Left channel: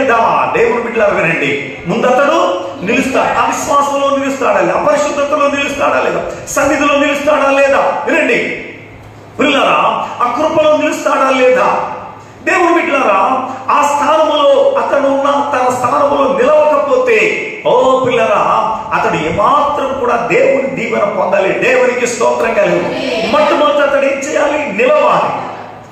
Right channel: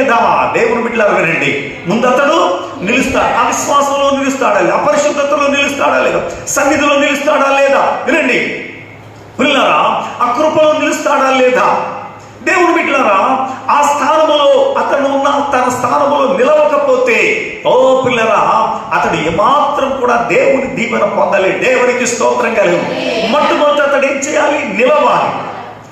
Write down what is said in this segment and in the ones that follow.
లేదా దేవుడు బిడ్డలు వినండి. ముందతడు నిలుస్తాడు? అవిశ్వాసంలో నిలుస్తాడా లేదా? అపరిశుద్ధతలో నిలుస్తాడా లేదా? సన్నిధిలో నిలుస్తాడా లేదా? వినండి. పిల్లరా ఆ కృపలో నిలుస్తాడా లేదా? దేవుడు బిడ్డలారా ఆ స్థానములో అతను ఉన్న తన స్థానములో నిలవకపోతే ఓ పిల్లరా అతడు ఏమాత్రం కూడా దేవుని దీవెన పొందాలి దేవునికి స్తోత్రం కలిగి మొట్టమొదటి అతడు ఏం చేయాలి? నిలవాలి.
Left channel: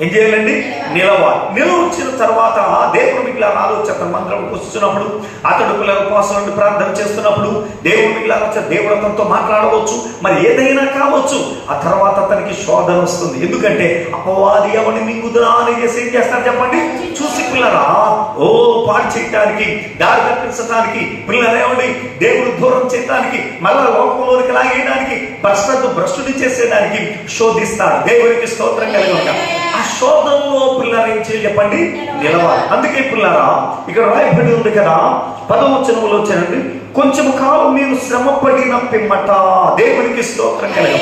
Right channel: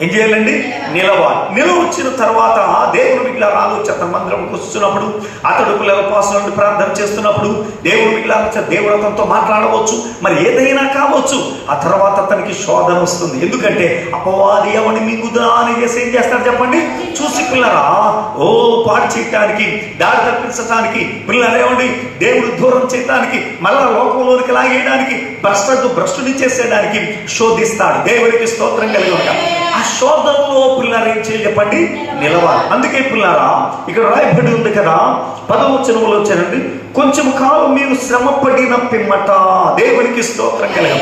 ఏం చేయాలండి? నిలవ నిలవచ్చిన తర్వాత దేవుడు మిగిలిన ఆలోచన మంత్రం కూర్చున్నప్పుడు అతడు పిల్లల కోసం ప్రార్థన చేస్తున్నప్పుడు దేవుడు మిగిలిన దేవుడు అతనితో మాట్లాడవచ్చు. మరి ఏదైనా కావచ్చు. ఆ తర్వాత అతనికి శోధన వస్తుంది. ఎందుకంటే అపవాది ఎవరిని మీ దాని చేసి ఏం చేస్తాడు చెప్పండి? చూసి పిల్లరా ఓ పాడు చేయటానికి దారి తప్పించడానికి పిల్లలు దేవుడు దూరం చేయడానికి మళ్ళా లోకంలోనికి లాగేయడానికి భ్రష్టు భ్రష్టుని చేసేయడానికి శోధిస్తాడు. దేవునికి స్తోత్రం కలిగి ఈ శోధనలో పిల్లారా ఏం చేయాలి చెప్పండి? నిలవాలి. అందుకే పిల్లారా ఇక్కడ రాయబడి ఉంది కదా పదవచనంలో వచ్చానండి కొంచెం కాలం మీరు శ్రమ పడిన పిమ్మట దేవునికి స్తోత్రం కలిగి.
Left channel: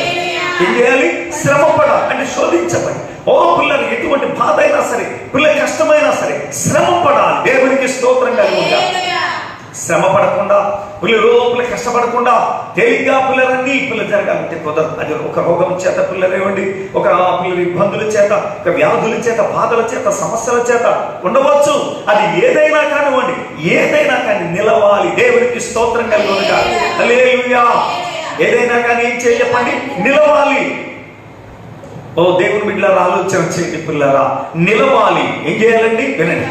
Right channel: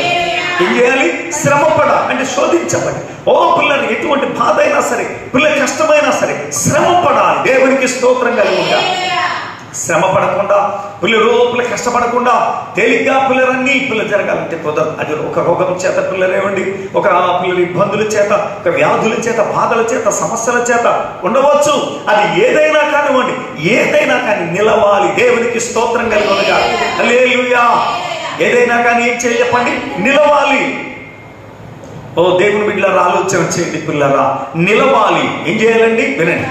ఏం చేయాలి? శ్రమపడ అంటే శోధించబడి. ఓ పిల్లలు ఎటువంటి బాధ అయినా సరే పిల్ల కష్టమైనా సరే శ్రమపడాలి. దేవునికి స్తోత్రం కలిగి ఉండాలి. శ్రమ పడకుండా పిల్లలు లోపల కష్టపడకుండా తేలిగ్గా పిల్లలన్నీ పిల్లలు జరగాలంటే కుదరదు. అది ఒక రోగం చేత పిల్లలేవండి ఒక పిల్లల ఇబ్బందుల చేత ఒక వ్యాధుల చేత బాధల చేత సమస్యల చేత ఉండవచ్చు. అది ఏదైనా కానివ్వండి ఏదైనా కానీ నిలవాలి. దేవునికి స్తోత్రం కలిగినగా. ఏదైనా కానీ ఏం చేయ చెప్పండి నిలవాలి. ఓ దేవుని బిడ్డలారా ఆలోచన చేయండి పిల్లరా నిలవాలి. ఏం చేయాలండి? వినండి.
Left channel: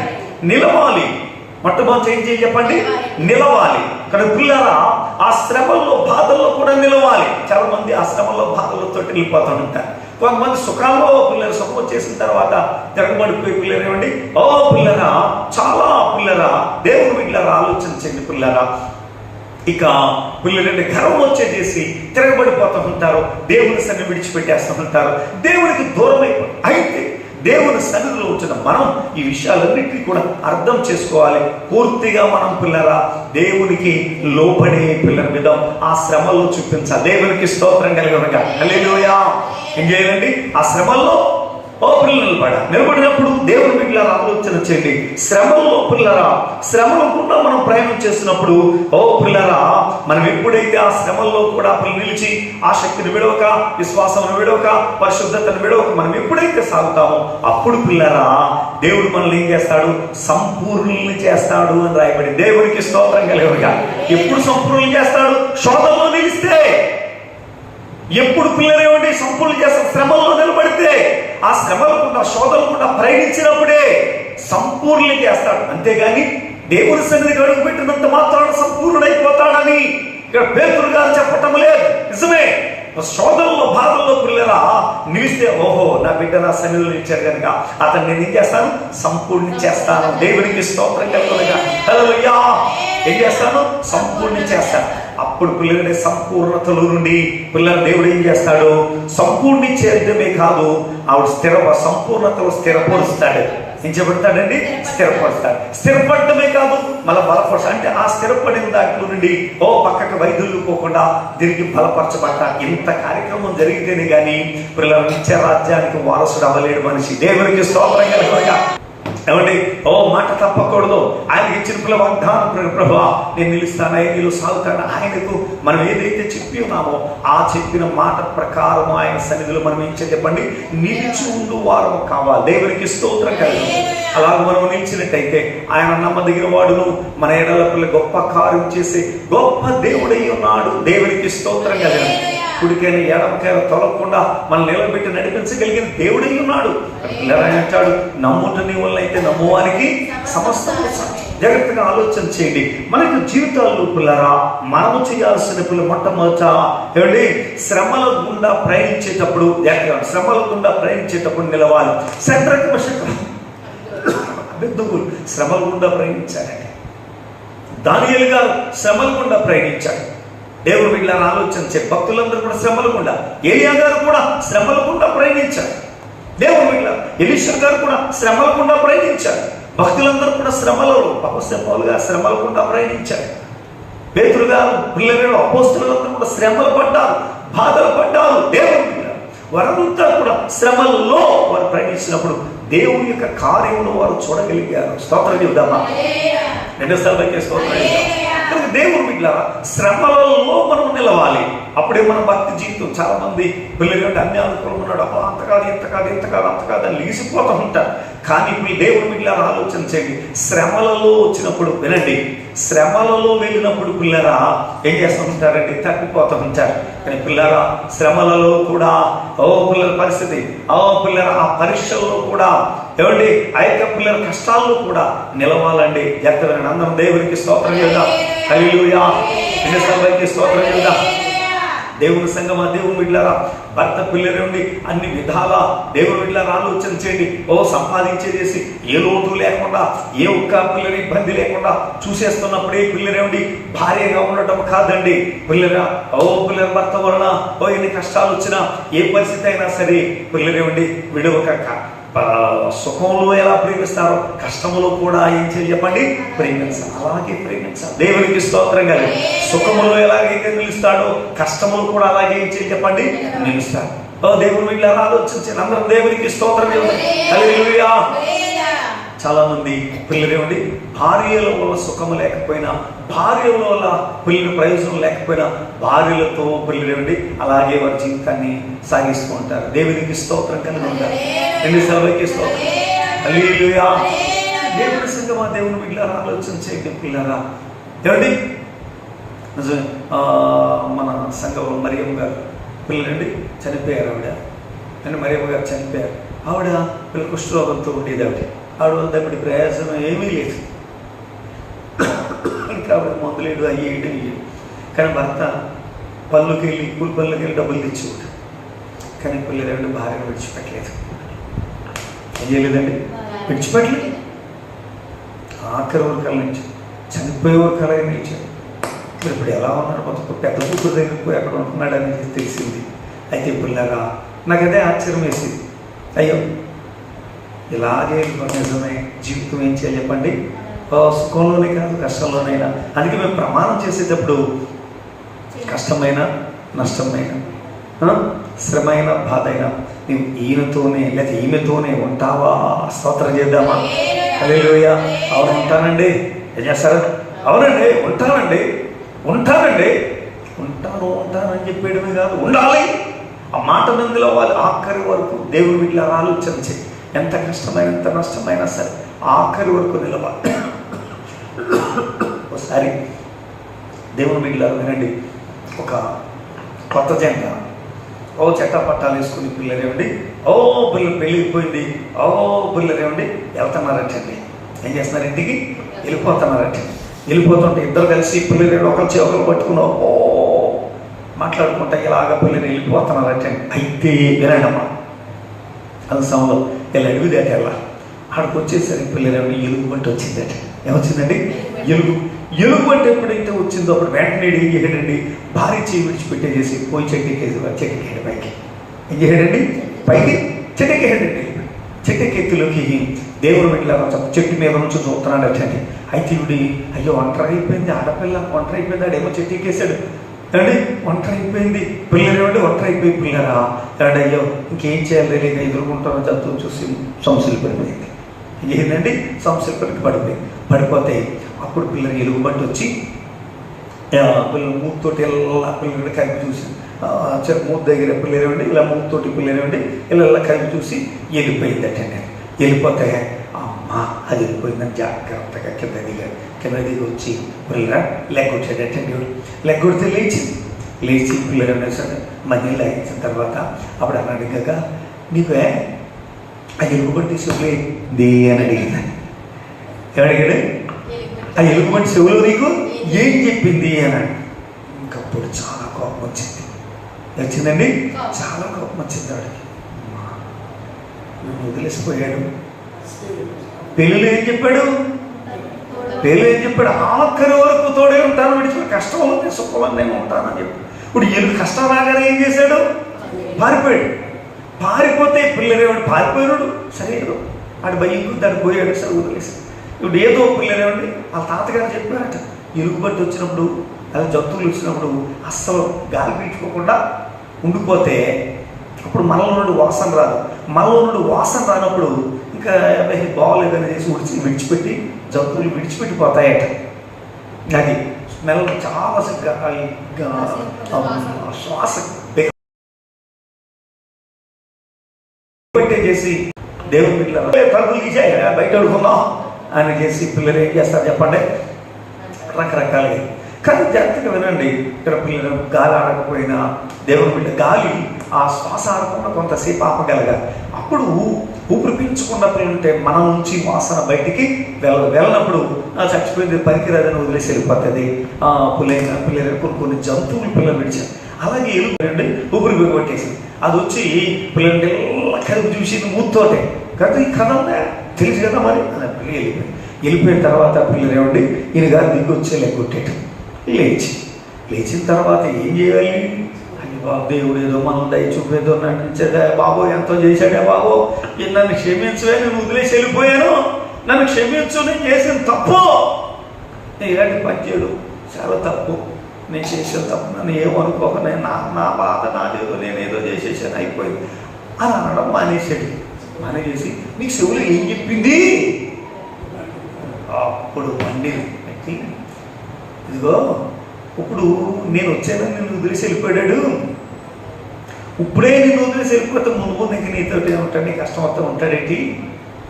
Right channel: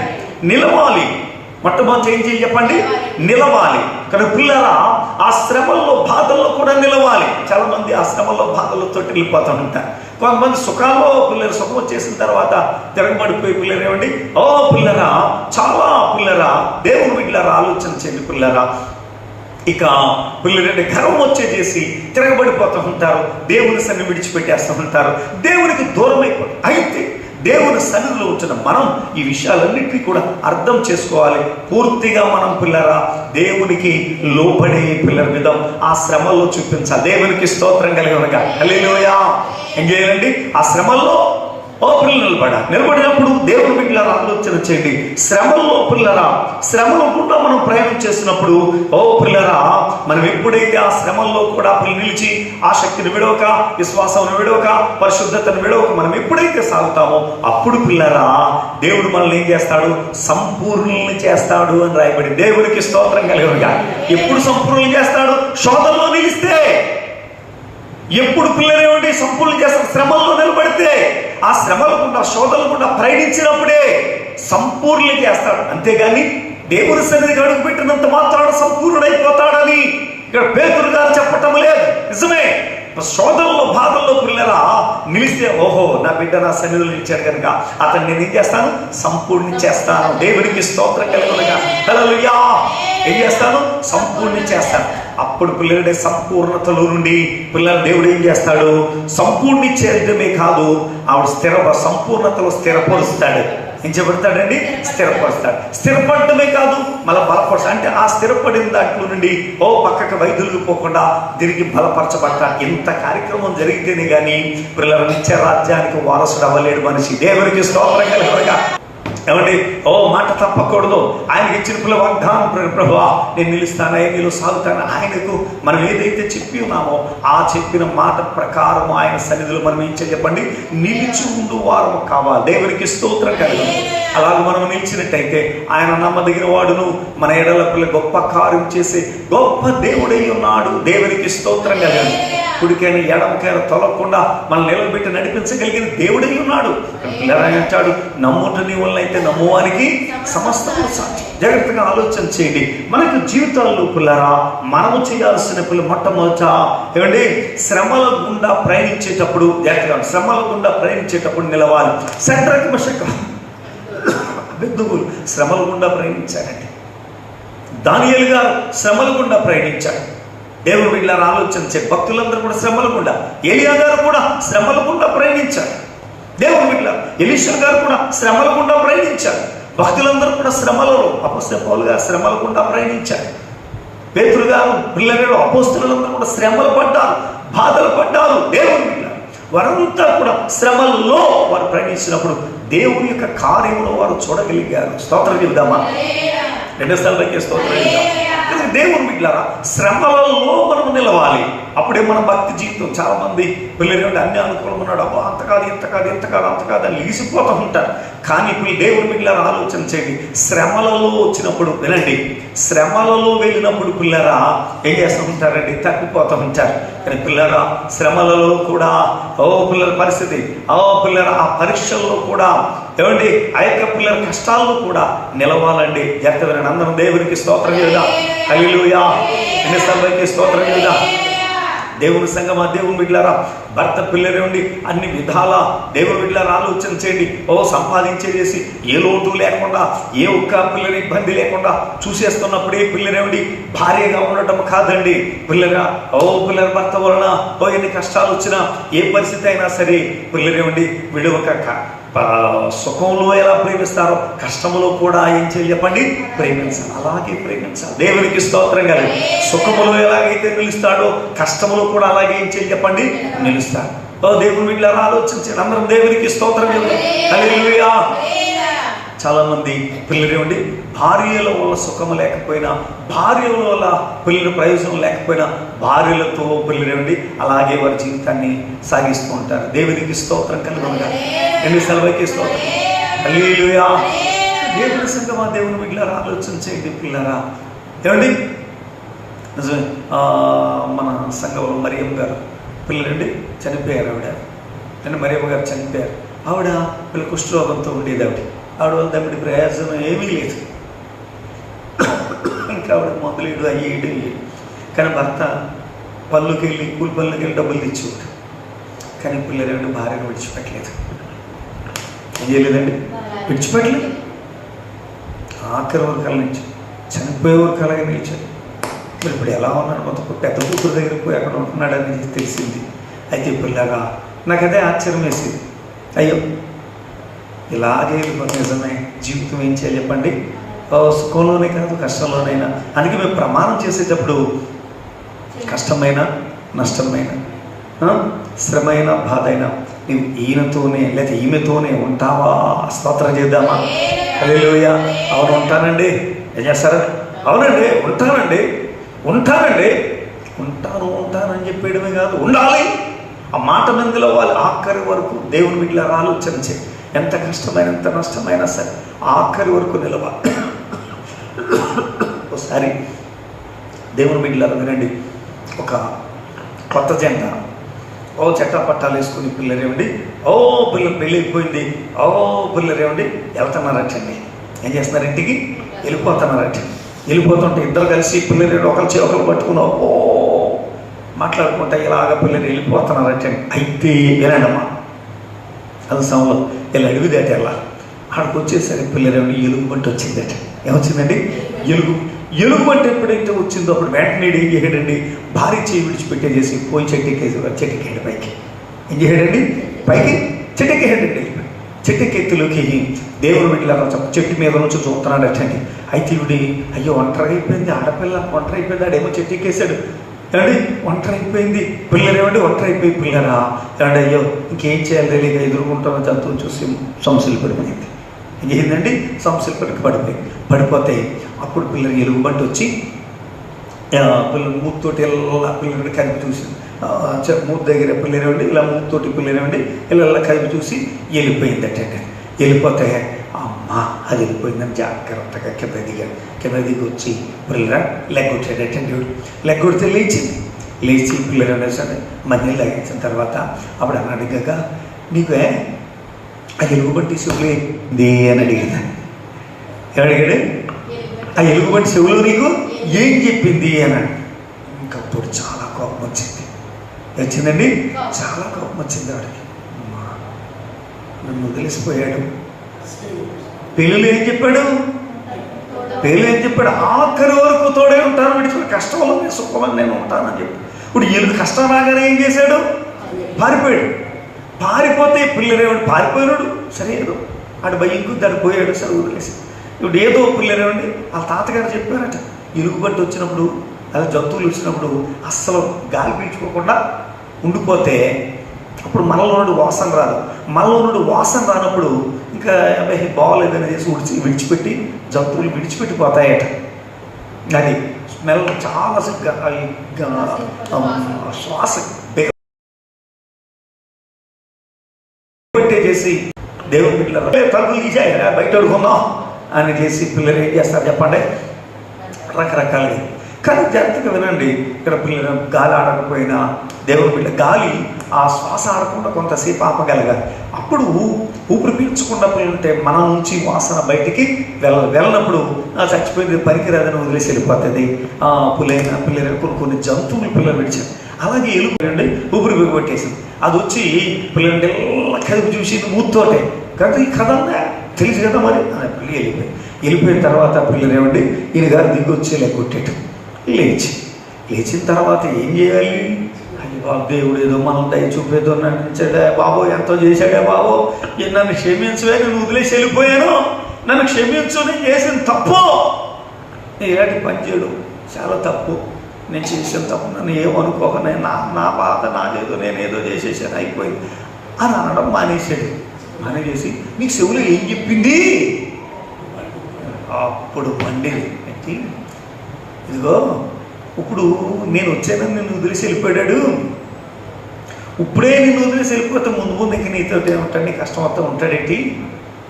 నిలవాలి. మొట్టమొదటి ఏం చేయాలి చెప్పండి? నిలవాలి. కానీ పిల్లరా ఆ శ్రమల్లో బాధల్లో కూడా నిలవాలి. చాలా మంది ఆ శ్రమల్లో బాధలతో వెళ్ళిపోతూ ఉంటారు. కొంతమంది సుఖాల్లో పిల్లలు సుఖం చేసిన తర్వాత తిరగబడిపోయి పిల్లలు ఏమండి? ఓ పిల్లరా చాలా పిల్లరా దేవుడు పిల్లరా ఆలోచన చెంది పిల్లరా ఇక పిల్లలంటే గర్వం వచ్చే చేసి తిరగబడిపోతూ ఉంటారు. దేవుని సన్ని విడిచిపెట్టేస్తూ ఉంటారు. దేవునికి దూరమై అయితే దేవుని సన్నిధిలో వచ్చిన మనం ఈ విషయాలన్నింటినీ కూడా అర్థం చేసుకోవాలి. పూర్తిగా మనం పిల్లరా దేవునికి లోపడే పిల్లల మీద ఆ శ్రమల్లో చూపించాలి. దేవునికి స్తోత్రం కలిగి ఉండగా. హల్లెలూయా. ఆ శ్రమల్లో ఓ పిల్లలు నిలబడ నిలబడినప్పుడు దేవుని బిడ్డల ఆలోచన చేయండి. శ్రమలో పిల్లరా శ్రమలో కూడా మనం ప్రయాణం చేస్తున్నప్పుడు ఓ పిల్లరా మనం ఎప్పుడైతే ఆ శ్రమంలో కూడా అప్పుడు నిలిచి ఆ శక్తిని విడవక విశ్వాసం విడవక పరిశుద్ధతను విడవక మనం ఎప్పుడైతే సాగుతామో అప్పుడు పిల్లరా దేవుడు మనల్ని ఏం చేస్తాడు? సంపూర్ణుల్ని చేస్తాడు అని రాయబడి దేవుడికి స్తోత్రం కలిగినగా. ఎప్పుడు సంపూర్ణులు చేస్తాడు? శోధంలో నిలిస్తే. ఎప్పుడు పిల్లలేమండి సంపూర్ణ చేస్తారు శ్రమంలో నిలబడితే. ఆ శ్రమలకుండా శోధనకుండా ప్రయాణించినప్పుడే సంపూర్ణ చేస్తాడు. అంతేగాని దేవుని సన్నిధికి అడుగు పెట్టినంత మాత్రాన సంపూర్ణుడైపోతాడని ఇక్కడ పేతురు గారు చెప్పటం లేదు. నిజమే. శోధంలో బాధల్లో పిల్లరా నిలిస్తే ఓహో నా బిడ్డ నా సన్నిధిలో నిలిచాడు కనుక అతను నేను ఏం చేస్తాను? సంపూర్ణ చేస్తాను. దేవుడికి స్తోత్రం కలుగునగా. హల్లెలూయా. ఏం చేస్తాను? సంపూర్ణ చేస్తాను. అప్పుడు పిల్లలని సంపూర్ణతలో నుండి పిల్లల దేవుడు ఏం చేస్తాడు? సంపూర్ణి చేయడమే కాదు ఆవిడ స్థిర సంపూర్ణతలో స్థిరపరుస్తాడు. ఏం చెబుతాడండి స్థిరపరుస్తాడు. స్థిరపడటమే కాదు మళ్ళీ బలపరుస్తాడు. అంటే ఆ స్థిరపడిన దాంట్లో నుండి ఓ పక్కకి వైద్యులకు పోకుండా తిరిగి బలపరచబడ్డ ఇంత కార్యక్రమం జరిగితేనే కానీ పిల్లల నిత్య రాజ్యానికి వారసుడు అవ్వలేడు మనిషి. దేవునికి స్తోత్రం కలగగా ఏమండి? ఓ మాట తప్పకూడదు. ఆయన ఇచ్చిన పిల్ల వాగ్దానం ప్ర- ప్రభువా నేను నిలుస్తాను నీళ్ళు సాగుతాను ఆయనకు మనం ఏదైతే చెప్పి ఉన్నామో ఆ చెప్పిన మాట ప్రకారం ఆయన సన్నిధిలో మనం ఏం చెప్పండి? నిలిచి ఉండు వారం కావాలి. దేవునికి స్తోత్రం కలిగి. అలా మనం నిలిచినట్టయితే ఆయన నమ్మదగిన వాడును. మన ఎడల పిల్ల గొప్ప కార్యం చేసే గొప్ప దేవుడై ఉన్నాడు. దేవునికి స్తోత్రం కలిగి. కుడికైనా ఎడమకైనా తొలగకుండా మనం నిలబెట్టి నడిపించగలిగిన దేవుడై ఉన్నాడు. పిల్లరాయన అంటాడు నమ్ముట నీ వల్ల అయితే నమ్మువానికి సమస్తము సాధ్యం. జాగ్రత్తగా ఆలోచన చేయండి. మనకు జీవితాల్లో పిల్లరా మనము చేయాల్సిన పిల్ల మొట్టమొదట ఏమండి? శ్రమల గుండా ప్రయాణించేటప్పుడు జాగ్రత్తగా శ్రమల గుండా ప్రయాణించేటప్పుడు నిలవాలి. శత్రుకు బిందువులు శ్రమల గుండా ప్రయాణించాడండి దానియలు గారు శ్రమల గుండా ప్రయాణించాడు దేవుడు బిడ్డలను ఆలోచించే భక్తులందరూ కూడా శ్రమల గుండా ఏలియా గారు కూడా శ్రమల గుండా ప్రయాణించారు. దేవుడు బిడ్డ ఎలీషా గారు కూడా శ్రమల గుండా ప్రయాణించారు. భక్తులందరూ కూడా శ్రమలలో అపస్య పౌలుగా శ్రమల గుండా ప్రయాణించారు. పేతురు గారు పిల్లలు అపోస్తులందరూ కూడా శ్రమలు పడ్డారు బాధలు పడ్డారు. దేవుడు బిడ్డ వారంతా కూడా శ్రమల్లో వారు ప్రయాణించినప్పుడు దేవుని యొక్క కార్యంలో వారు చూడగలిగారు. స్తోత్రం చెప్దామా రెండో స్థలంలోకి స్తోత్రం కనుక దేవుడు బిడ్డలారా శ్రమలలో మనం నిలవాలి. అప్పుడే మన భక్తి జీవితం చాలా మంది పిల్లలు అన్ని అనుకూలం ఉన్నాడు. అబ్బా అంత కాదు ఇంత కాదు ఇంత కాదు అంత కాదు అని లీసిపోతూ ఉంటారు. కానీ మీ దేవుడు దేవుని ఆలోచన చేయండి. శ్రమలలో వచ్చినప్పుడు వినండి. శ్రమలలో వెళ్ళినప్పుడు పిల్లరా ఏం చేస్తూ ఉంటారండి? తగ్గిపోతూ ఉంటారు. కానీ పిల్లరా శ్రమలలో కూడా ఓ పిల్లల పరిస్థితి ఓ పిల్లర ఆ పరీక్షల్లో కూడా ఏమండి ఆ యొక్క పిల్లల కష్టాల్లో కూడా నిలవాలండి. ఎక్కడ అందరం దేవునికి స్తోత్రం చేద్దాం. హల్లెలూయా. ఎన్నిసార్లకి స్తోత్రం చేద్దాం దేవుని సంగమా దేవుని బిడ్డలారా భర్త పిల్లలు ఉండి అన్ని విధాల దేవుని బిడ్డలారా ఆలోచన చేయండి. ఓ సంపాదించేసి ఏ లోటు లేకుండా ఏ ఒక్క పిల్లల ఇబ్బంది లేకుండా చూసేస్తున్నప్పుడే పిల్లలేమిడి భార్యగా ఉండటం కాదండి. పిల్లరా ఓ పిల్లల భర్త వలన ఓ ఎన్ని కష్టాలు వచ్చినా ఏ పరిస్థితి అయినా సరే పిల్లలేమిడి విడవక సుఖంలో ఎలా ప్రేమిస్తారో కష్టంలో కూడా ఏం చేయాలి చెప్పండి ప్రేమించాలి అలాగే ప్రేమించాలి దేవునికి స్తోత్రం కదా. సుఖంలో ఎలాగైతే నిలుస్తాడో కష్టంలో కూడా అలాగే ఏం చేయాలి చెప్పండి నిలుస్తాడు. ఓ దేవుని వీళ్ళ ఆలోచించారు అందరూ దేవునికి స్తోత్రం ఇవ్వండి. చాలా మంది పిల్లలేమండి భార్యలో వల్ల సుఖం లేకపోయినా భార్యలో వల్ల పిల్లల ప్రయోజనం లేకపోయినా భార్యలతో పిల్లలేమండి అలాగే వారి జీవితాన్ని సాగిస్తూ ఉంటారు. దేవునికి స్తోత్రం కలిగి ఉంటారు ఎన్ని సెలవులకి స్తోత్రం. దేవుని సంగమా దేవుని మిగిలిన ఆలోచన చేయండి పిల్లరా. ఏమండి? ఆ, మన సంఘం మరియం గారు. పిల్లలండి చనిపోయారు ఆవిడ. అంటే మరియమ్మ గారు చనిపోయారు. ఆవిడ పిల్ల కుష్ఠరోగంతో ఉండేది ఆవిడ ఆవిడ వల్ల దగ్గర ప్రయాసం ఏమీ లేదు. ఇంకా ఆవిడ మందులేడు అయ్యేయడం లేదు. కానీ భర్త పళ్ళుకి వెళ్ళి కూలి పళ్ళుకి వెళ్ళి డబ్బులు తెచ్చేవాడు. కానీ పిల్లలు ఏమంటే భార్యను విడిచిపెట్టలేదు. ఏం చేయలేదండి? విడిచిపెట్టలేదు. ఆఖరి వర్గాల నుంచి చనిపోయే వర్గాల నిలిచాడు. మరి ఇప్పుడు ఎలా ఉన్నాడు? కొంత పెద్ద కూతురు దగ్గరికి పోయి అక్కడ ఉంటున్నాడు అనేది తెలిసింది. అయితే పిల్లగా నాకైతే ఆశ్చర్యం వేసింది. అయ్యో ఇలాగే నిజమే? జీవితం ఏం చేయాలి చెప్పండి? సుఖంలోనే కాదు కష్టంలోనైనా అందుకే మేము ప్రమాణం చేసేటప్పుడు కష్టమైన నష్టమైన శ్రమైన బాధ అయినా నీవు ఈయనతోనే లేదా ఈమెతోనే ఉంటావా? స్తోత్రం చేద్దామా? హల్లెలూయా. అవును ఉంటానండి. ఏం చేస్తారు? అవునండి ఉంటానండి. ఉంటారండి. ఉంటాను ఉంటానని చెప్పేయడమే కాదు ఉండాలి. ఆ మాట మందిలో నిలవాలి ఆఖరి వరకు దేవుని వీటిలో ఆలోచన చేయి ఎంత కష్టమైన ఎంత నష్టమైనా సరే ఆఖరి వరకు నిలవాలి ఒకసారి దేవుని బిడ్డలారు వినండి. ఒక కొత్త జంట. ఓ చెట్టా పట్టాలు వేసుకుని పిల్లరేమండి ఓ పిల్ల పెళ్ళిపోయింది ఓ పిల్లరేమండి వెళ్తున్నారటండి. ఏం చేస్తున్నారు ఇంటికి? వెళ్ళిపోతున్నారట వెళ్ళిపోతుంటే ఇద్దరు కలిసి పిల్లలు ఒకరి చే పట్టుకుని ఓ మాట్లాడుకుంటే ఇలాగ పిల్లలు వెళ్ళిపోతున్నారంటే అయితే వినండమ్మా కలసంలో ఇలా ఎలుగుదేట ఎలా? అక్కడికి వచ్చేసరికి పిల్లలు ఎలుగు వచ్చిందట. ఏమొచ్చిందండి? ఎలుగు. ఎలుగు బట్టి ఎప్పుడైతే వచ్చిందో అప్పుడు వెంటనే ఏం చేయడండి భారీ చేయి విడిచిపెట్టేసి పోయి చెట్టుకేసి చెట్టుకేయండి పైకి. ఏం చేయడండి పైకి చెట్టుకేయండి చెట్టుకెత్తులోకి దేవుడు వీటిలో చెట్టు మీద నుంచి చూస్తున్నాడు అటండి అయితే ఇవిడి అయ్యో ఒంటరి అయిపోయింది ఆడపిల్ల ఒంటరి అయిపోయింది ఆడేమో చెట్టు ఎక్కేశాడు. కానీ ఒంటరి అయిపోయింది పిల్లలు ఏమంటే ఒంటరి అయిపోయి పిల్లరా ఏమండి అయ్యో ఇంకేం చేయాలి తెలియక ఎదుర్కొంటామో? చదువు చూసి సమస్యలు పడిపోయింది. ఏంటండి సమస్యలు పడికి పడిపోయి. పడిపోతే అప్పుడు పిల్లలు ఎలుగుబంటి వచ్చి పిల్లలు మూతోటి ఇలా పిల్లలు కలిపి చూసి మూతి దగ్గర పిల్లలు ఇలా మూతోటి పిల్లలు ఇలా ఇలా కలిపి చూసి అట్టండి వెళ్ళిపోతే అమ్మ అది వెళ్ళిపోయిందని జాగ్రత్తగా కింద దిగాడు కింద దిగి వచ్చి పిల్లల లెగ్గొట్టాడటండి లెగ్గొడితే లేచింది. లేచి పిల్లలు అనేసాడు మళ్ళీ లాగించిన తర్వాత అప్పుడు అన్నాడు అడిగాక నీకు ఆ ఎలుగుబంటి చెవులు? ఏంది అని అడిగింది. ఏమడిగాడు ఆ ఎలుగుబంటి చెవులు నీకు? ఏం చెప్పింది? అని ఇంకా అప్పుడు చాలా కోపం వచ్చింది. వచ్చిందండి? చాలా కోపం వచ్చింది ఆవిడకి. అమ్మా, నన్ను వదిలిసిపోయాడు. పెళ్ళిలో ఏం చెప్పాడు? పెళ్ళి ఏం చెప్పాడు? ఆఖరి వరకు తోడే ఉంటాను విడిచిన కష్టంలో నేను సుఖంలో నేను ఉంటానని చెప్పి. ఇప్పుడు ఎలుగు కష్టం రాగానే ఏం చేశాడు? పారిపోయాడు. పారిపోతే పిల్లలేవాడు పారిపోయాడు? సరే ఏదో అటు భయ దాడు పోయాడు. సరే వదిలేసి. ఇప్పుడు ఏదో పిల్లలేవండి ఆ తాతగారు చెప్పారట. ఎలుగుబట్టి వచ్చినప్పుడు అలా జంతువులు వచ్చినప్పుడు అస్సలు గాలి పీల్చుకోకుండా ఉండిపోతే అప్పుడు మనలో నుండి వాసన రాదు. మనలో నుండి వాసన రానప్పుడు ఇంకా బాగోలేదని చేసి ఉడిచి విడిచిపెట్టి జంతువులు విడిచిపెట్టిపోతాయట. అది స్మెల్ చాలా శ్వాస. చేసి దేవుని పిల్లలు తలుపులు తీసేయరా బయట కొన్నాం అని చేసి పిల్లలు ఏం చేస్తారు చెప్పండి? రకరకాలుగా. కానీ జాగ్రత్తగా వినండి. ఇక్కడ పిల్లలు గాలి ఆడకపోయినా దేవుని బిడ్డ గాలి ఆ శ్వాస ఆడకుండా కొంతసేపు ఆపగలగాలి అప్పుడు ఊపిరి పీల్చకుండా పిల్లలుంటే మన నుంచి వాసన బయటికి వెళ్ళ వెళ్ళినప్పుడు ఆ చచ్చిపోయింది పనికిరాదని వదిలేసి వెళ్ళిపోతుంది. ఆ పులైన పిల్లలు కొన్ని కొన్ని జంతువుని పిల్లలు విడిచారు. అలాగే వెళ్ళిపోయండి ఊపిరి కొట్టేసింది అది వచ్చి పిల్లలంటే కడుపు చూసి మూతోటే కదా ఈ కథ ఉందా తెలుసు కదా మరి? అని పిల్లి వెళ్ళిపోయి వెళ్ళిపోయిన తర్వాత పిల్లలు ఏమండి? ఈయన గారు దిగి వచ్చేలే కొట్టేట లేచి. లేచిన తర్వాత ఏం చేయాలి? దేవుడు ఏదో మనం దయ చూపేదో నటించేదా బాబు ఎంతో చేశాడే బాబు. ఈ నన్ను క్షమించవే నేను వదిలేసి వెళ్ళిపోయాను. నన్ను క్షమించు నేను చేసిన తప్పు. నేను ఇలాంటి పని చేయడం చాలా తప్పు. నేను చేసిన తప్పు నన్ను ఏమనుకోక నేను నా నా బాధ నాదేదో నేను ఏదో చేసేసాను అయిపోయింది. అని అనడం మానేసాడు మానేసి నీకు శివులు ఏం చెప్పింది? అప్పుడు వండి ఇదిగో ఇప్పుడు నేను వచ్చాను నిన్ను వదిలేసి వెళ్ళిపోయాడు. ఇప్పుడే నిన్ను వదిలేసి వెళ్ళిపోతే ముందు ముందుకి నీతో ఉంటాడు నీ కష్టం అంతా ఉంటాడేంటి?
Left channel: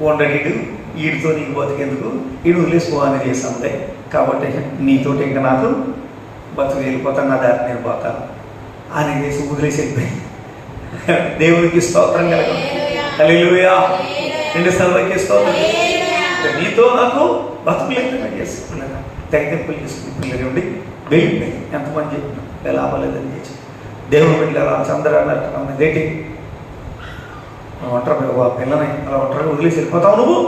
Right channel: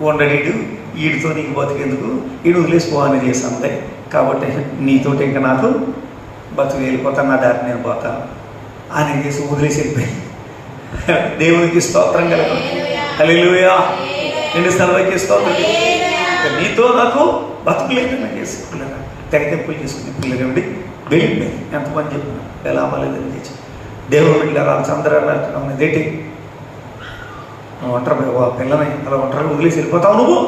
ఉండడీడు వీడితో నీకు బతికేందుకు? వీడు వదిలేసిపోవాలని చేసాందే కాబట్టి నీతోటి ఇంకా నాకు బతుకు వెళ్ళిపోతాను నా దారి నేను పోతాను అని చేసి వదిలేసి వెళ్ళిపోయి. దేవునికి స్తోత్రం కలగదు హల్లెలూయా. ఎన్ని సర్వకి స్తోత్రం నీతో నాకు బతుకు లేకుండా చేసి పిల్లలు. తెగతింపులు చేసుకుని పిల్లలు ఉండి ఎంతమంది ఎలా అవ్వలేదని చేసి దేవుడు వెళ్ళారు చంద్ర అదేంటి నువ్వు ఒంటరి బాబు పిల్లని అలా ఒంటరి వదిలేసి వెళ్ళిపోతావు నువ్వు?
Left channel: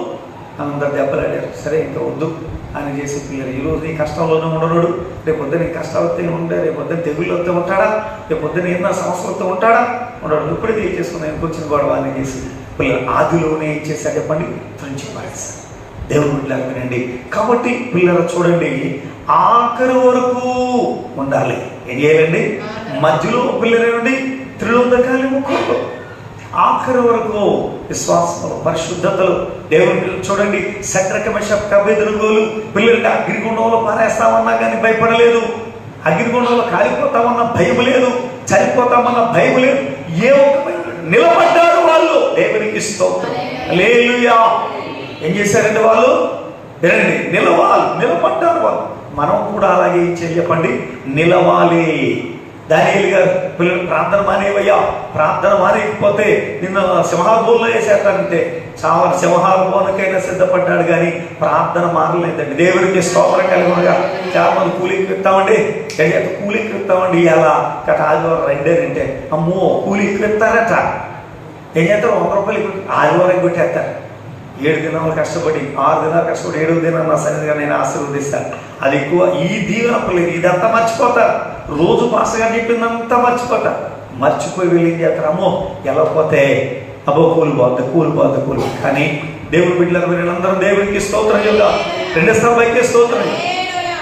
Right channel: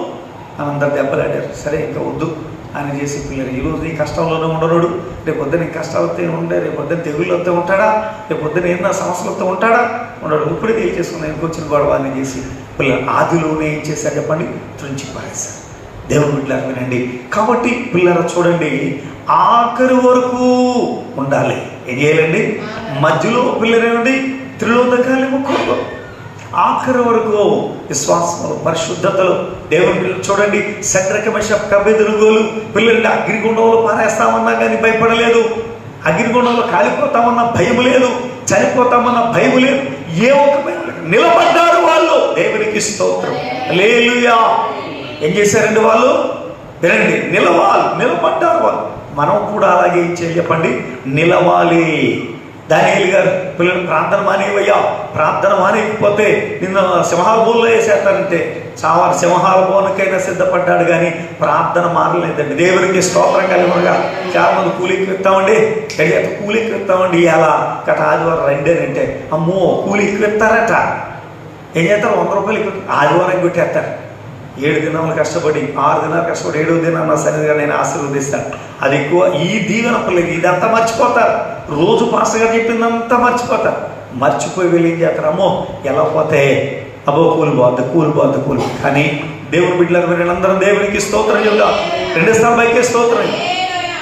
అని అందరు దెబ్బలాడారు సరే ఇంకా వద్దు. అని చేసి పిల్లలు ఈ రోజు నీ కష్టంలోనే ఉండడు రేపు పొద్దున నీ కష్టాలు వస్తే ఉండే రేపు పొద్దున తెగుళ్ళు వస్తే ఉంటాడా? రేపు పొద్దున ఏదైనా సమస్యలు వస్తే ఉంటాడా? ఉండడు ఇప్పుడు ఏం చేసుకున్నా ఇంకొచ్చిన గొడవ అని చేసి పిల్లలు ఆదిలోనే ఏం చేశారు చెప్పండి? తుంచి పారేశారు దేవుడు బిడ్డలు వినండి కాబట్టి పిల్లలు చూడండి ఆఖరి వరకు ఉండాలి. ఏం చేయాలండి? మధ్యలో పిల్లలేండి త్రిలోదకాలి ముఖంలో ఆఖరి వరకు విశ్వాసంలో పరిశుద్ధతలు దేవుని పిల్లలు చూడండి. శత్రకమేష కబెదురుగోలు పిల్లలు అగ్నిగుండంలో పారేస్తామన్నా కానీ భయపడలేదు. అగ్నిగుండంలో కాలిపోతామన్న భయం లేదు. చనిపోతామన్న భయం లేదు. ఏ లేదు. నిలబడ్డారు వాళ్ళు. దేవునికి స్తోత్రం. లేలుయా ఏం చేశారండి వాళ్ళు? వినండి నిలవాలి నిలబడ్డారు వాళ్ళు. మనం కూడా అలాగే ఏం చెప్పండి? నిలవాలి. దానియలు గారు పిల్లలు ప్రార్థన మానేవయ్యా ప్రార్థన మానేయకపోతే నిన్ను సింహాబోల్లో వేసేస్తానంటే చాలా సింహాలబోనకైనా సిద్ధపడ్డాడు కానీ ప్రార్థన మారలేదండి దేవునికి స్తోత్రం కలిగినగా. చాలా మంది కూలికి ఇస్తామండి కూలికి ఇస్తామండి ఎలా? గత ఆదివారం రెండేనంటే అమ్మో కూలికి ఇస్తారట ఏం చేస్తారు? వంద రూపాయలు ఆదివారం కొట్టేస్తారు? ఏడు దినాలు కష్టపడి ఆరు దినాలు కష్టపడి ఏడో దినాలు నా సన్నిధిగా నేను ఆశీర్వదిస్తాను అది ఎక్కువ ఈ దీవెన పిల్లలకి ఇదంతా మర్చిపోతారు. రోజు పాస్టర్ చెప్పిందంతా మర్చిపోతారు. మర్చిపోయి వెళ్ళి ఏం చేస్తారు? అమ్మో ఎలా పోతే? అబ్బో కూలి పోద్ది కూలి పోద్ది కూలి కానీ దేవుడి బిడ్డలకు వీళ్ళందరూ దేవునికి స్తోత్రం చెప్దాం. రెండు స్థాయికి స్తోత్రం.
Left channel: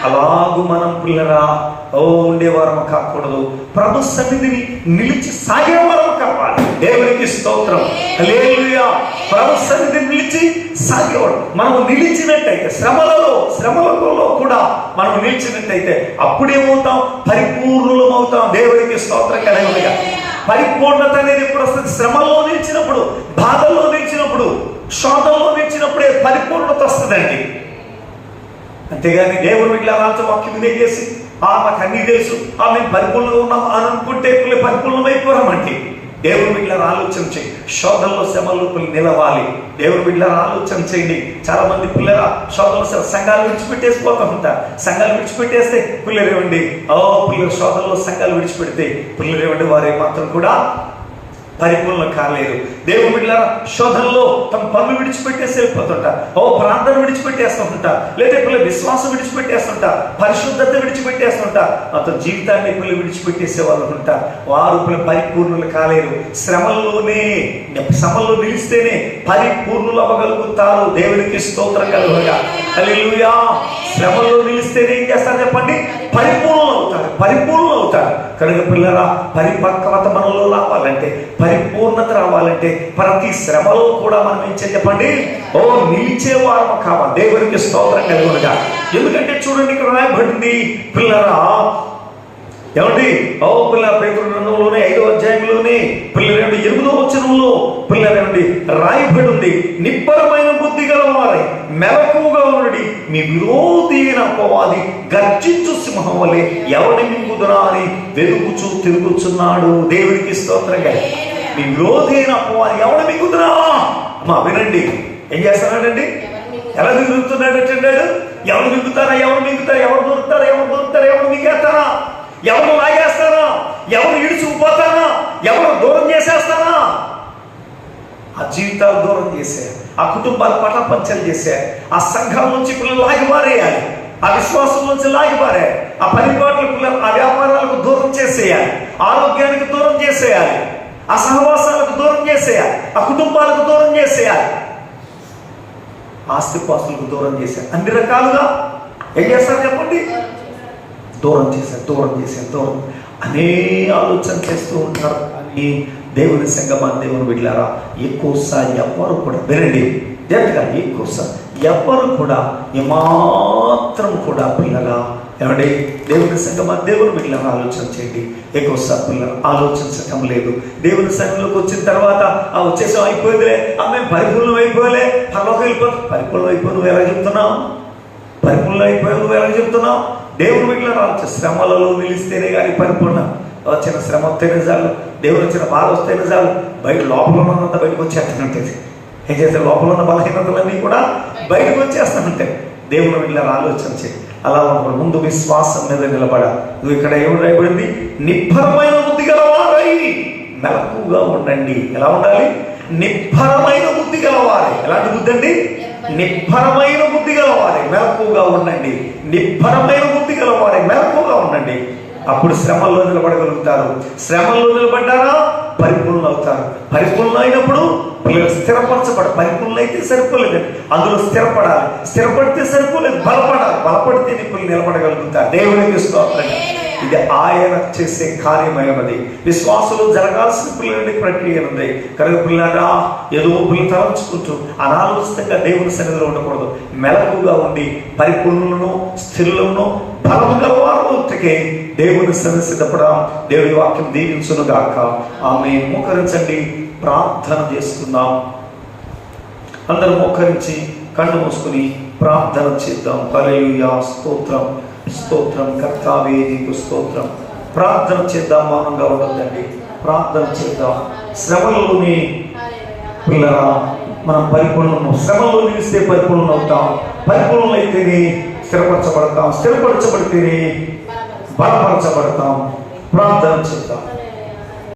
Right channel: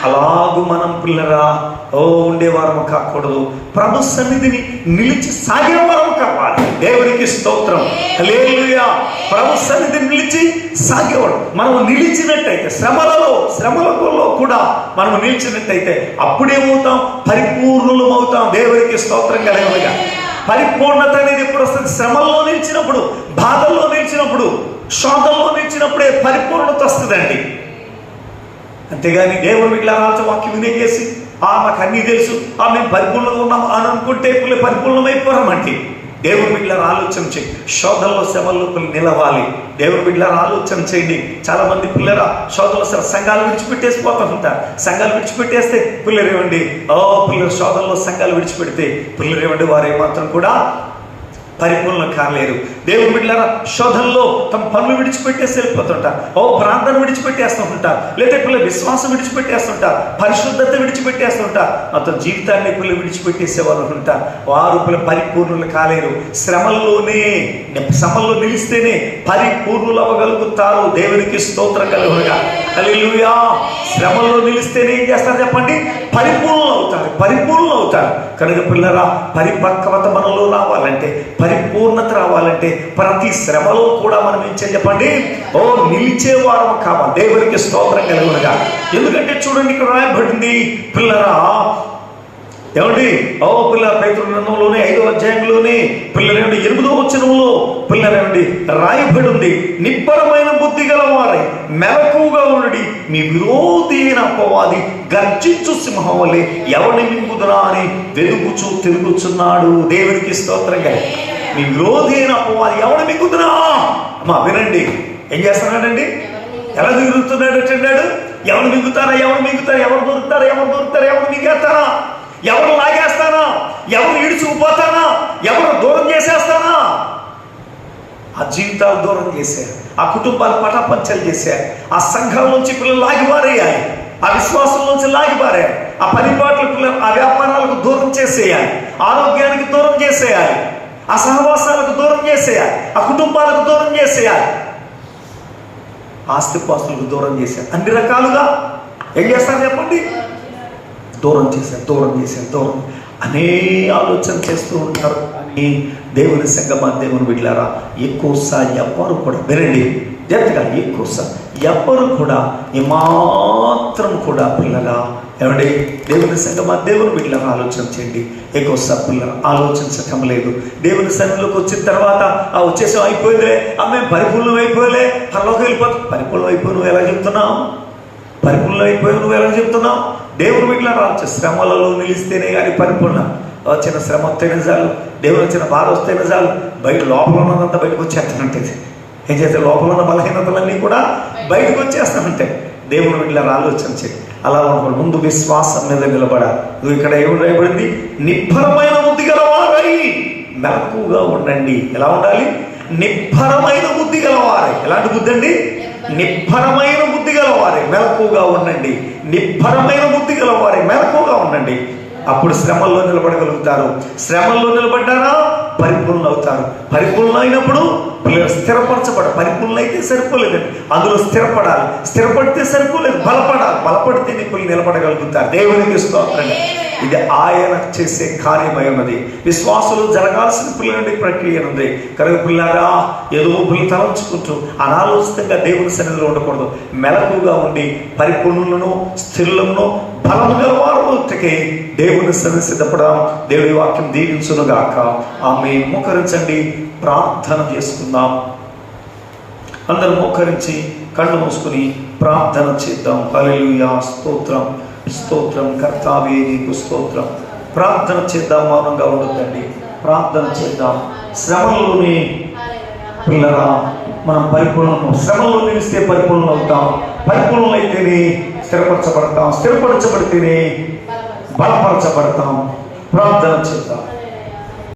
అలాగు మనం పిల్లరా ఓ ఉండేవారం కాకూడదు. ప్రభు సన్నిధిని నిలిచి సాగేవారం దేవునికి స్తోత్రం. లేలుయా ప్రభు సన్నిధి నిలిచి సాగేవాడు మనము నిలిచినట్టయితే శ్రమలలో శ్రమలలో కూడా మనం నిలిచినట్టయితే అప్పుడేమవుతాం? పరిపూర్ణులం అవుతాం దేవునికి స్తోత్రం కలిగినగా పరిపూర్ణత అనేది ఎప్పుడు వస్తుంది నిలిచినప్పుడు బాధల్లో నిలిచినప్పుడు శోధంలో నిలిచినప్పుడే పరిపూర్ణత వస్తుందండి. అంతేగాని దేవుడు ఇట్లా రాజు వాక్యం వినేసి ఆ మాకు అన్నీ తెలుసు. ఆ మేము పరిపూర్ణంగా ఉన్నాం అనుకుంటే పిల్లలు దేవుని దేవుడు బిడ్డల ఆలోచన చేయండి శోధనలో శ్రమల్లో నిలవాలి. దేవుని బిడ్డల ఆలోచన చేయండి. చాలా మంది పిల్లల శోధనలో శ్రమ- సంఘాలు విడిచిపెట్టేసి పోతూ ఉంటారు. సంఘాలు విడిచిపెట్టేస్తే పిల్లలు ఏమండి? ఓ పిల్లలు శోధనలో సంఘాలు విడిచిపెడితే పిల్లలు ఏమండి? వారు మాత్రం కూడా పరిపూర్ణ కాలేదు. దేవుడు బిడ్డల శోధనలో తమ పనులు విడిచిపెట్టేసి వెళ్ళిపోతుంటా ఓ ప్రాంతం విడిచిపెట్టేస్తుంటా. లేదా పిల్లలు విశ్వాసం విడిచిపెట్టేస్తుంటా. పరిశుద్ధత విడిచిపెట్టేస్తుంటా. మొత్తం జీవితాన్ని పిల్లలు విడిచిపెట్టేసే వాళ్ళు ఉంటా. వారు పిల్లలు పరిపూర్ణులు కాలేరు. శ్రమల్లోనే శ్రమల్లో నిలిస్తేనే పరిపూర్ణులు అవ్వగలుగుతారు. దేవునికి స్తోత్రం కలుగుగా హల్లెలూయా. శ్రమల్లో నిలిస్తేనే ఏం చేస్తారు చెప్పండి? పరిపూర్ణులు అవుతారు. పరిపూర్ణులు అవుతారు. కనుక పిల్లరా పరిపక్వత మనలో రావాలంటే పరిపూర్ణత రావాలంటే ప్రతి శ్రమలో కూడా మనం ఏం చెప్పండి? ఓ నిలిచేవారు కావాలి. దేవునికి స్తోత్రం కలుగునుగా. ఎందుకంటే చూడండి ఇక్కడ రాయబడింది. పిల్లరా ఏమండి? ఓ పిల్ల పేతురు గ్రంథంలోనే ఐదో అధ్యాయంలోనే పిల్లలండి ఎనిమిదో వచనంలో పిల్లలండి రాయబడింది. నిబ్బరమైన బుద్ధి గలవారై మెలకుగా ఉన్నది మీ విరోధి అయిన అపవాది గర్జించు సింహం వలె ఎవరిని మింగుదరా అని వెలుగుచూ తిరుగుచున్నాడు. దేవునికి స్తోత్రంగా నీ విరోధి అయిన ఎవడ మింగుతున్నా? అమ్మా వినండి. ఏం చేస్తున్నాడండి? ఎలా మిగులుతున్నాడు అంటున్నాడు ఎవరు మిగుతారా? ఎవరు మిగుతారా? ఎవరు దొరుకుతారా ఎవరు దొరుకుతారా ఎవరు మింగేస్తారా? ఎవరు లాగేస్తారా? ఎవరు ఇడుచుకుపోతారా ఎవరు దూరం చేసేస్తారా? ఆ జీవితాలు దూరం చేశారు. ఆ కుటుంబాలు పటపంచలు చేశారు. ఆ సంఘం నుంచి పిల్లలు లాగిపారేయాలి. ఆ విశ్వాసం నుంచి లాగిపారారు ఆ పరిపాట్ల పిల్లలు ఆ వ్యాపారాలకు దూరం చేసేయాలి. ఆరోగ్యానికి దూరం చేసేయాలి. ఆ సహవాసాలకు దూరం చేసేయాలి ఆ కుటుంబాలకు దూరం చేసేయాలి ఆస్తిపాస్తులకు దూరం చేశారు అన్ని రకాలుగా. ఏం చేస్తారు చెప్పండి? దూరం చేశారు దూరం చేశారు దూరం. అనే ఆలోచన చేస్తూ ఉంటారు కానీ దేవుని సంగమా దేవుని బిడ్డారా ఎక్కువసారి ఎవ్వరు కూడా వినండి. జాగ్రత్తగా ఎక్కువసారి ఎవ్వరు కూడా ఏమాత్రం కూడా పిల్లల ఏమండి? దేవుని సంఘ దేవుని బిడ్డలను ఆలోచన చేయండి. ఎక్కువసారి ఆలోచన ఆలోచించటం లేదు. దేవుని సంఘంలోకి వచ్చిన తర్వాత ఆ వచ్చేసాం అయిపోయిందిలే. ఆమె పరిపూర్ణం అయిపోయలే పరలోకి వెళ్ళిపోతుంది పరిపూర్ణం అయిపోయి నువ్వు ఎలా చెప్తున్నావు? పరిపూర్ణం అయిపోయి నువ్వు ఎలా చెప్తున్నావు? దేవుని వీటిలో రావచ్చు శ్రమలలో నిలిస్తేనే కానీ పరిపూర్ణ. వచ్చిన శ్రమ వస్తేనే చాలు. దేవుడు వచ్చిన బాధ వస్తేనే చాలు. బయట లోపల ఉన్నదంతా బయటకు వచ్చేస్తానంటది ఏం చేస్తే లోపల ఉన్న బలహీనతలన్నీ కూడా బయటకు వచ్చేస్తానంటే దేవుని వీటిలో ఆలోచన చేయి. అలా ఉన్నప్పుడు ముందు విశ్వాసం మీద నిలబడ నువ్వు ఇక్కడ ఏమైపోయింది రాయబడింది నిబ్బరమైన బుద్ధి గలవారై. మెలకుగా ఉండండి. ఎలా ఉండాలి? నిబ్బరమైన బుద్ధి గలవారై. ఎలాంటి బుద్ధి అండి? నిబ్బరమైన బుద్ధి గలవారే. మెలకుగా ఉండండి. నిబ్బరమైన బుద్ధి గలవారే. మెలకుగా ఉండండి. అప్పుడు శ్రమల్లో నిలబడగలుగుతారు. శ్రమల్లో నిలబడ్డారా? పరిపూర్ణ అవుతారు పరిపూర్ణ అయినప్పుడు పిల్లలు స్థిరపరచబడ పరిపూర్ణ అయితే సరిపోలేదు అందులో స్థిరపడాలి. స్థిరపడితే సరిపోలేదు. బలపడాలి. బలపడితే పిల్లలు నిలబడగలుగుతారు దేవునికి స్తోత్రం. ఇది ఆయన చేసే కార్యమై ఉన్నది విశ్వాసంలో జరగాల్సిన పిల్లలని ప్రక్రియ ఉంది కనుక పిల్లారా ఏదో పిల్లలు తలంచుకుంటూ అనాలోచితంగా దేవుని సన్నిధిలో ఉండకూడదు. మెలకుగా ఉండి పరిపూర్ణులను స్థిరులను బలం గలవారు దేవుని సన్నిసిద్ధపడ దేవుడి వాక్యం దీవించునుగాక. ఆమె ముఖరించండి. ప్రార్థన చేసుకుందాం అందరూ మోకరించి కళ్ళు మూసుకుని ప్రార్థన చేద్దాం. హల్లెలూయా స్తోత్రం స్తోత్రం కర్తావే నీకు స్తోత్రం. ప్రార్థన చేద్దాం మౌనంగా ఉండదండి ప్రార్థన చేద్దాం. శ్రమలోని పిల్లరా మనం పరిపూర్ణం శ్రమలో నిలిస్తే పరిపూర్ణం అవుతాం. పరిపూర్ణం అయితేనే స్థిరపరచబడతాం. స్థిరపరచబడితేనే బలపరచబడతాం.